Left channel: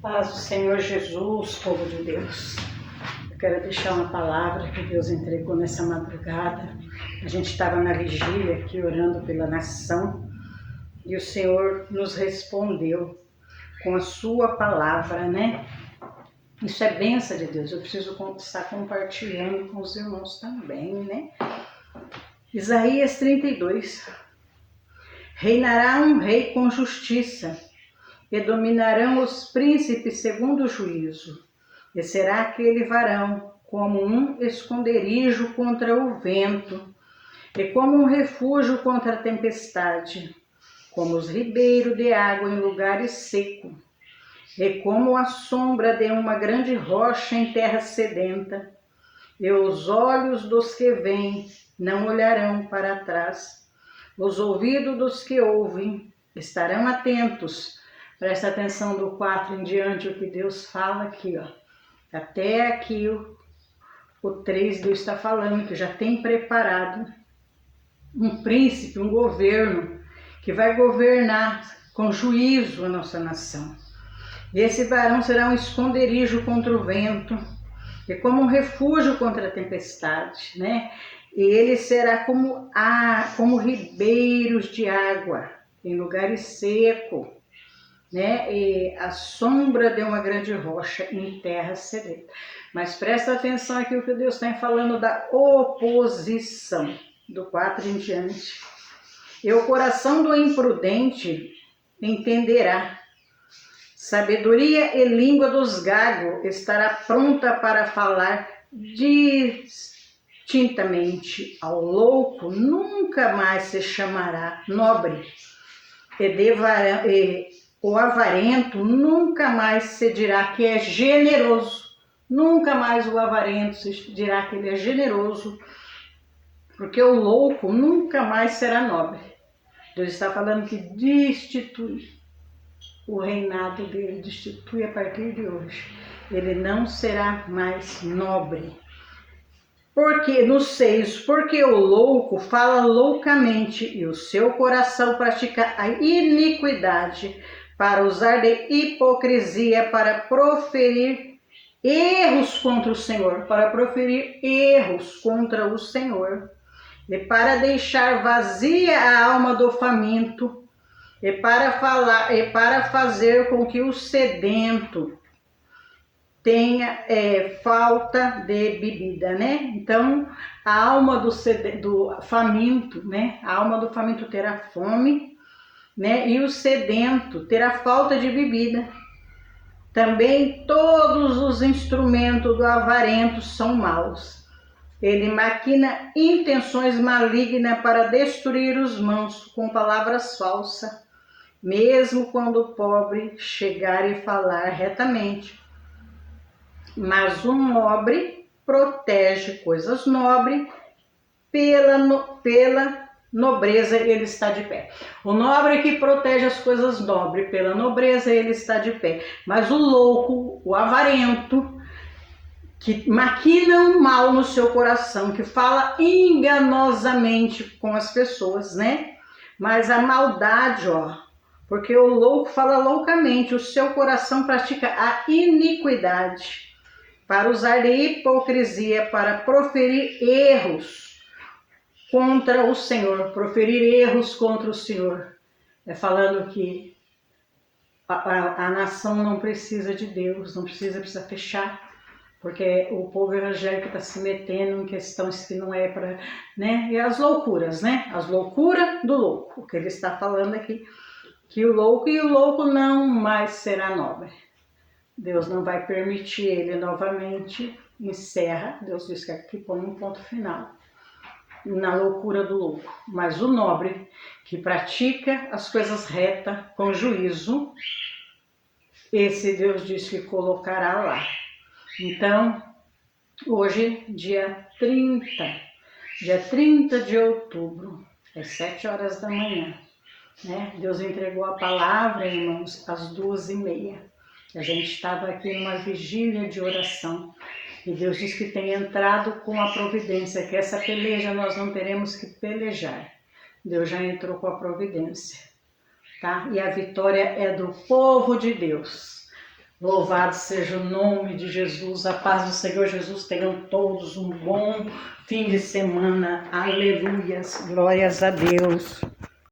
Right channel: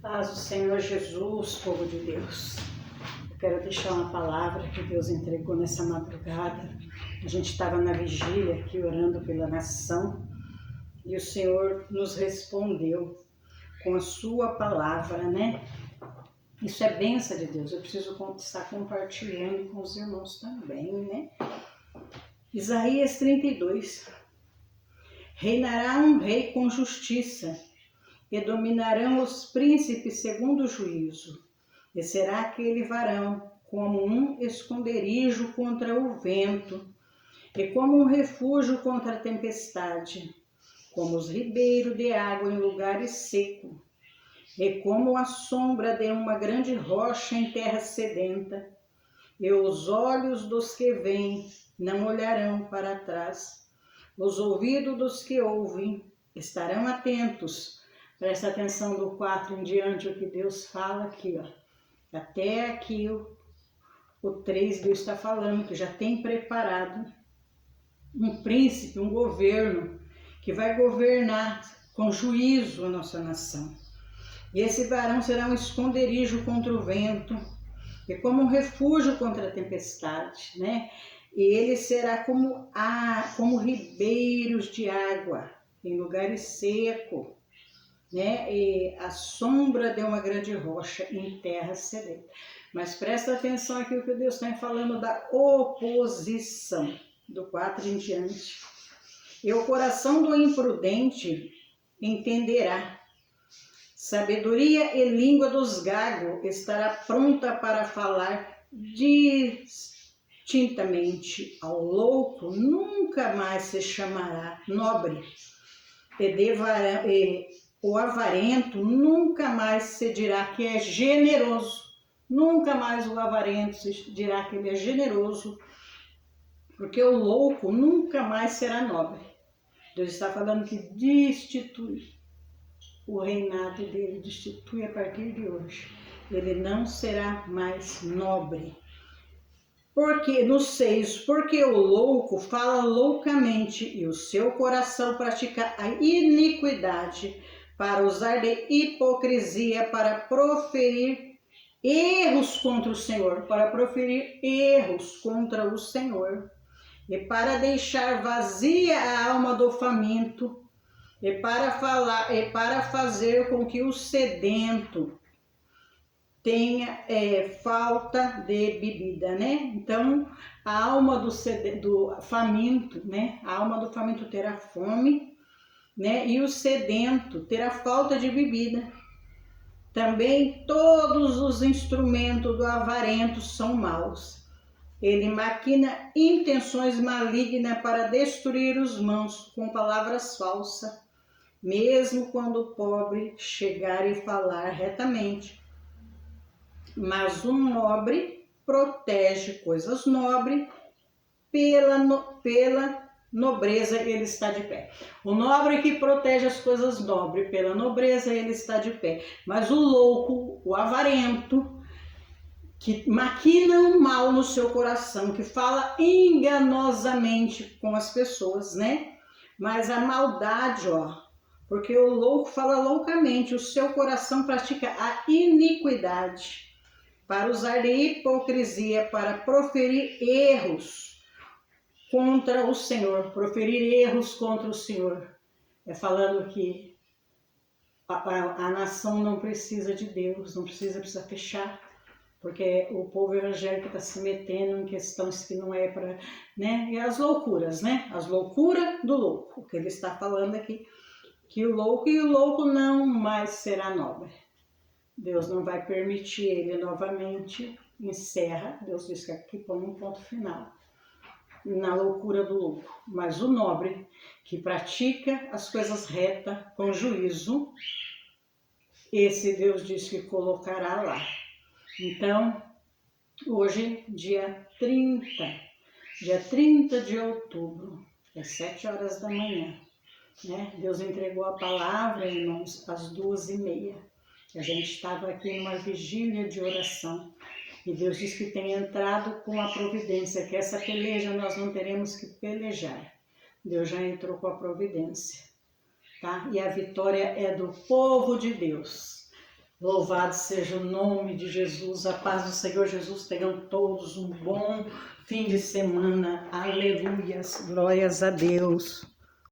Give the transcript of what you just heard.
Paz do Senhor Jesus, povo de Deus. Eu quero deixar uma palavra que Deus entregou nessa madrugada. A gente estava na vigília aqui orando pela nação e o Senhor nos respondeu com a sua palavra, né? Isso é bênção de Deus. Eu preciso estar compartilhando com os irmãos também, né? Isaías 32. Reinará um rei com justiça, e dominarão os príncipes segundo o juízo. E será aquele varão como um esconderijo contra o vento, e como um refúgio contra a tempestade, como os ribeiros de água em lugares secos, e como a sombra de uma grande rocha em terra sedenta. E os olhos dos que veem não olharão para trás, os ouvidos dos que ouvem estarão atentos. Presta atenção do 4 em diante, o que Deus fala aqui, ó. Até aqui o 3, Deus está falando que já tem preparado um príncipe, um governo, que vai governar com juízo a nossa nação. E esse varão será um esconderijo contra o vento, e como um refúgio contra a tempestade, né? E ele será como ribeiros de água, em lugares secos, né? E a sombra de uma grande rocha em terra sedenta. Mas presta atenção aqui o que Deus está falando da oposição, do 4 em diante. E o coração do imprudente entenderá. Sabedoria e língua dos gagos estará pronta para falar distintamente. Ao louco nunca mais se chamará nobre, e o avarento nunca mais se dirá que é generoso. Nunca mais o avarento se dirá que ele é generoso, porque o louco nunca mais será nobre. Deus está falando que destitui o reinado dele, destitui a partir de hoje. Ele não será mais nobre. Porque nos 6, porque o louco fala loucamente e o seu coração pratica a iniquidade, para usar de hipocrisia, para proferir erros contra o Senhor, e para deixar vazia a alma do faminto, e para fazer com que o sedento tenha falta de bebida, né? Então, a alma do faminto, né? A alma do faminto terá fome, né? E o sedento terá falta de bebida. Também todos os instrumentos do avarento são maus. Ele maquina intenções malignas para destruir os mãos com palavras falsas, mesmo quando o pobre chegar e falar retamente. Mas um nobre protege coisas nobres, pela nobreza ele está de pé. O nobre que protege as coisas nobres, pela nobreza ele está de pé. Mas o louco, o avarento, que maquina o mal no seu coração, que fala enganosamente com as pessoas, né? Mas a maldade, ó, porque o louco fala loucamente, o seu coração pratica a iniquidade, para usar de hipocrisia, para proferir erros contra o Senhor, É falando que a nação não precisa de Deus, precisa fechar, porque o povo evangélico está se metendo em questões que não é para, né? E as loucuras, né? As loucuras do louco, o que ele está falando aqui, que o louco não mais será nobre. Deus não vai permitir ele novamente, encerra, Deus diz que aqui põe um ponto final na loucura do louco. Mas o nobre, que pratica as coisas retas, com juízo, esse Deus diz que colocará lá. Então, hoje, dia 30 de outubro, às 7 horas da manhã, né? Deus entregou a palavra, irmãos, às 2h30. A gente estava aqui numa vigília de oração e Deus diz que tem entrado com a providência, que essa peleja nós não teremos que pelejar. Deus já entrou com a providência tá? E a vitória é do povo de Deus. Louvado seja o nome de Jesus, a paz do Senhor Jesus. Tenham todos um bom fim de semana. Aleluias, glórias a Deus.